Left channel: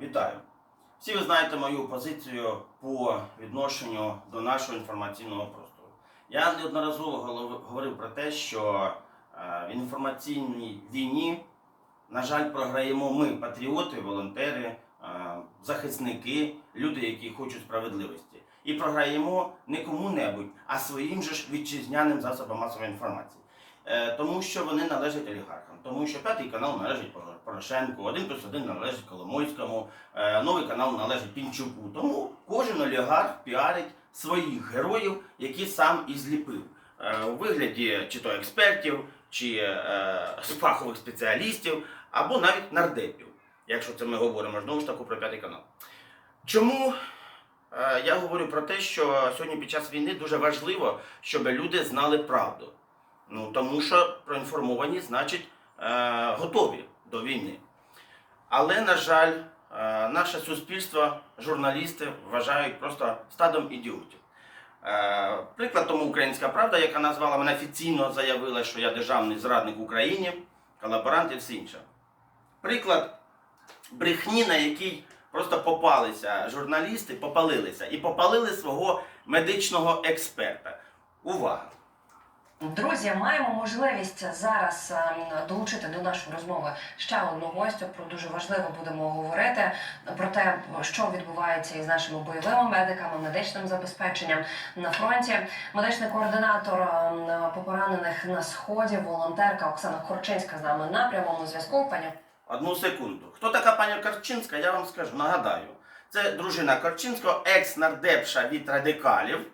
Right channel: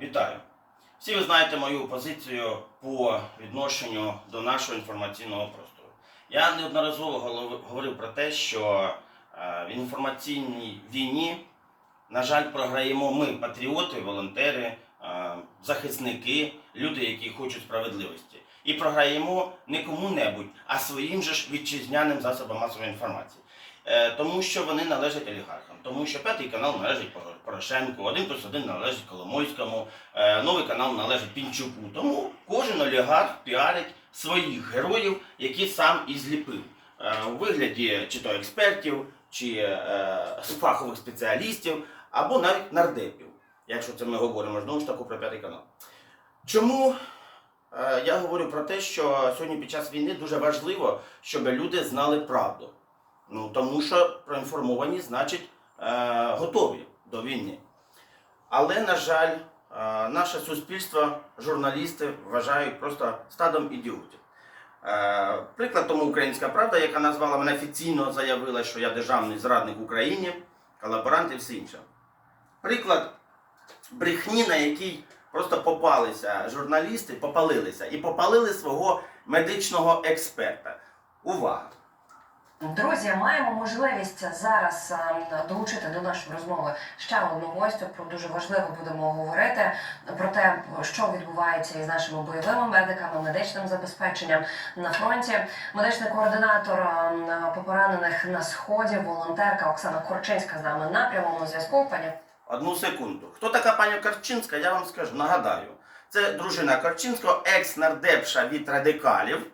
Вітаю! Всі ви знаєте мою позицію по відношенню до нашого інформаційного простору. Я неодноразово говорив про те, що е, в інформаційній війні, на жаль, програємо ми, патріоти, волонтери, е, захисники, люди, які хочуть справедливості. І програємо не кому-небудь, а своїм же ж вітчизняним засобам масової інформації. Е, Тому що вони належать олігархам, тому що п'ятий канал належить Порошенку, один плюс один належить Коломойському, е, новий канал належить Пінчуку. Тому кожен олігарх піарить своїх героїв, які сам і зліпив Е, у вигляді чи то експертів, чи фахових спеціалістів, або навіть нардепів, якщо це ми говоримо знову ж таки про п'ятий канал. Чому я говорю про те, що сьогодні під час війни дуже важливо, щоб люди знали правду? Ну, тому що проінформовані, значить, е, готові до війни. Але, на жаль, е, наше суспільство, журналісти вважають просто стадом ідіотів. Е, приклад тому Українська Правда, яка назвала мене офіційно заявила, що я державний зрадник Україні, колаборант і все інше. Приклад брехні, на який просто попалися журналісти, попалилися і попалили свого медичного експерта. Увага! Друзі, маємо можливість зараз ем, долучити до нашої розмови ще одну гостю. Про дуже важливо будемо говорити про те, що відбувається із нашими бойовими медиками, медичним забезпеченням на фронті. Медичний координатор ем, поранених на сході, волонтерка Оксана Корчинська з нами на прямому зв'язку. Пані Одну секунду. Хто така пані Корчинська, я вам скажу, нагадаю. Це дружина Корчинського, екс-нардепша від радикалів.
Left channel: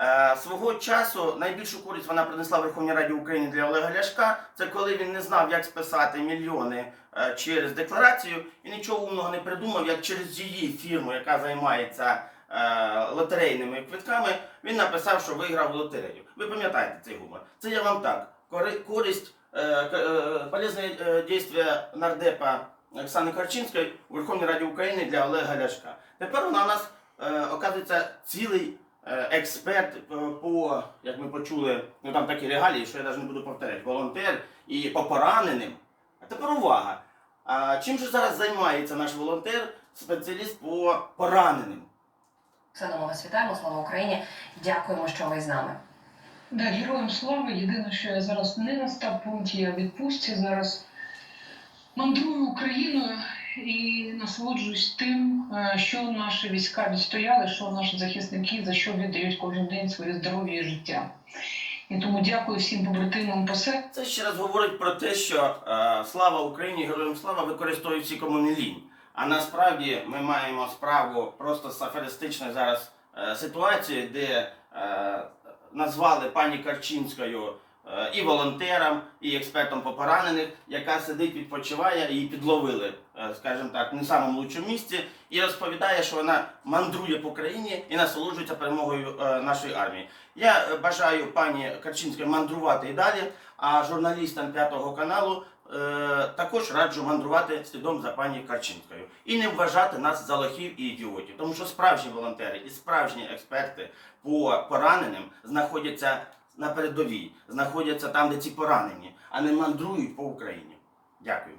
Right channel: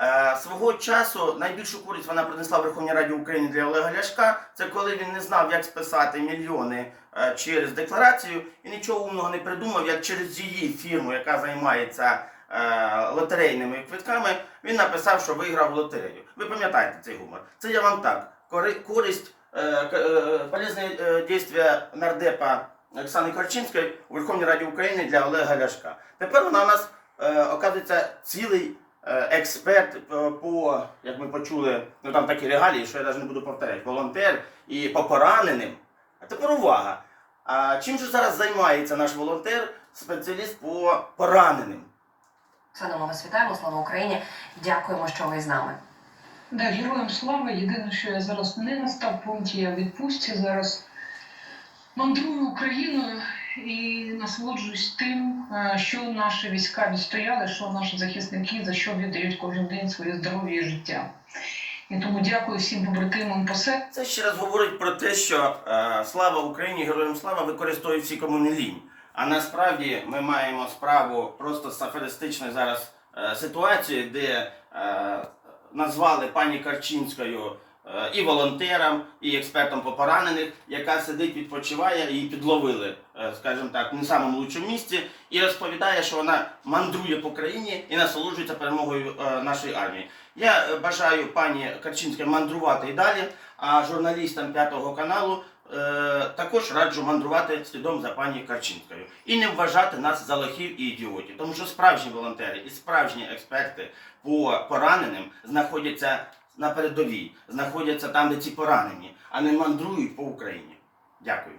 Е, свого часу найбільшу користь вона принесла Верховній Раді України для Олега Ляшка. Це коли він не знав, як списати мільйони е, через декларацію і нічого умного не придумав, як через її фірму, яка займається е, лотерейними квитками, він написав, що виграв лотерею. Ви пам'ятаєте цей гумор? Це я вам так. Кори- користь, полезне дійство нардепа Оксани Корчинської у Верховній Раді України для Олега Ляшка. Тепер вона у нас оказується цілий експерт е, по, як ми почули, ну там такі регалії, що я навіть не буду повторяти, волонтер і по пораненим. А тепер увага. А чим же зараз займається наш волонтер, спеціаліст по пораненим? Ми вас вітаємо. Слава Україні! Дякуємо, що ви з нами. Да, героям слава. Єдине, що я зараз не на стаб-пункті, я в відпустці зараз мандрую Україною і насолоджуюсь тим, е, що наші війська відстояли, що наші захисники за що віддають кожен день своє здоров'я і життя. І тому дякую всім побратимам по серцю. Це ще раз говорить про те, що е, слава Україні, героям слава використовують всі кому лінь. А насправді ми маємо справу просто з аферистичною зараз е, ситуацією, де е, назвали пані Карчинською і волонтером, і експертом по поранених, яка сидить, відпочиває, її підловили, е, скажімо так, в не самому лучшому місці, і розповідає, що вона мандрує по країні і насолоджується перемогою е, нашої армії. Я е, бажаю пані Карчинській мандрувати і далі, а журналістам п'ятого каналу е, також раджу мандрувати слідом за пані Карчинською і не вважати нас за лохів і ідіотів, тому що справжні волонтери і справжні експерти по пораненим знаходяться на передовій, знаходяться там, де ці поранені, а не мандрують по Україні. Дякую.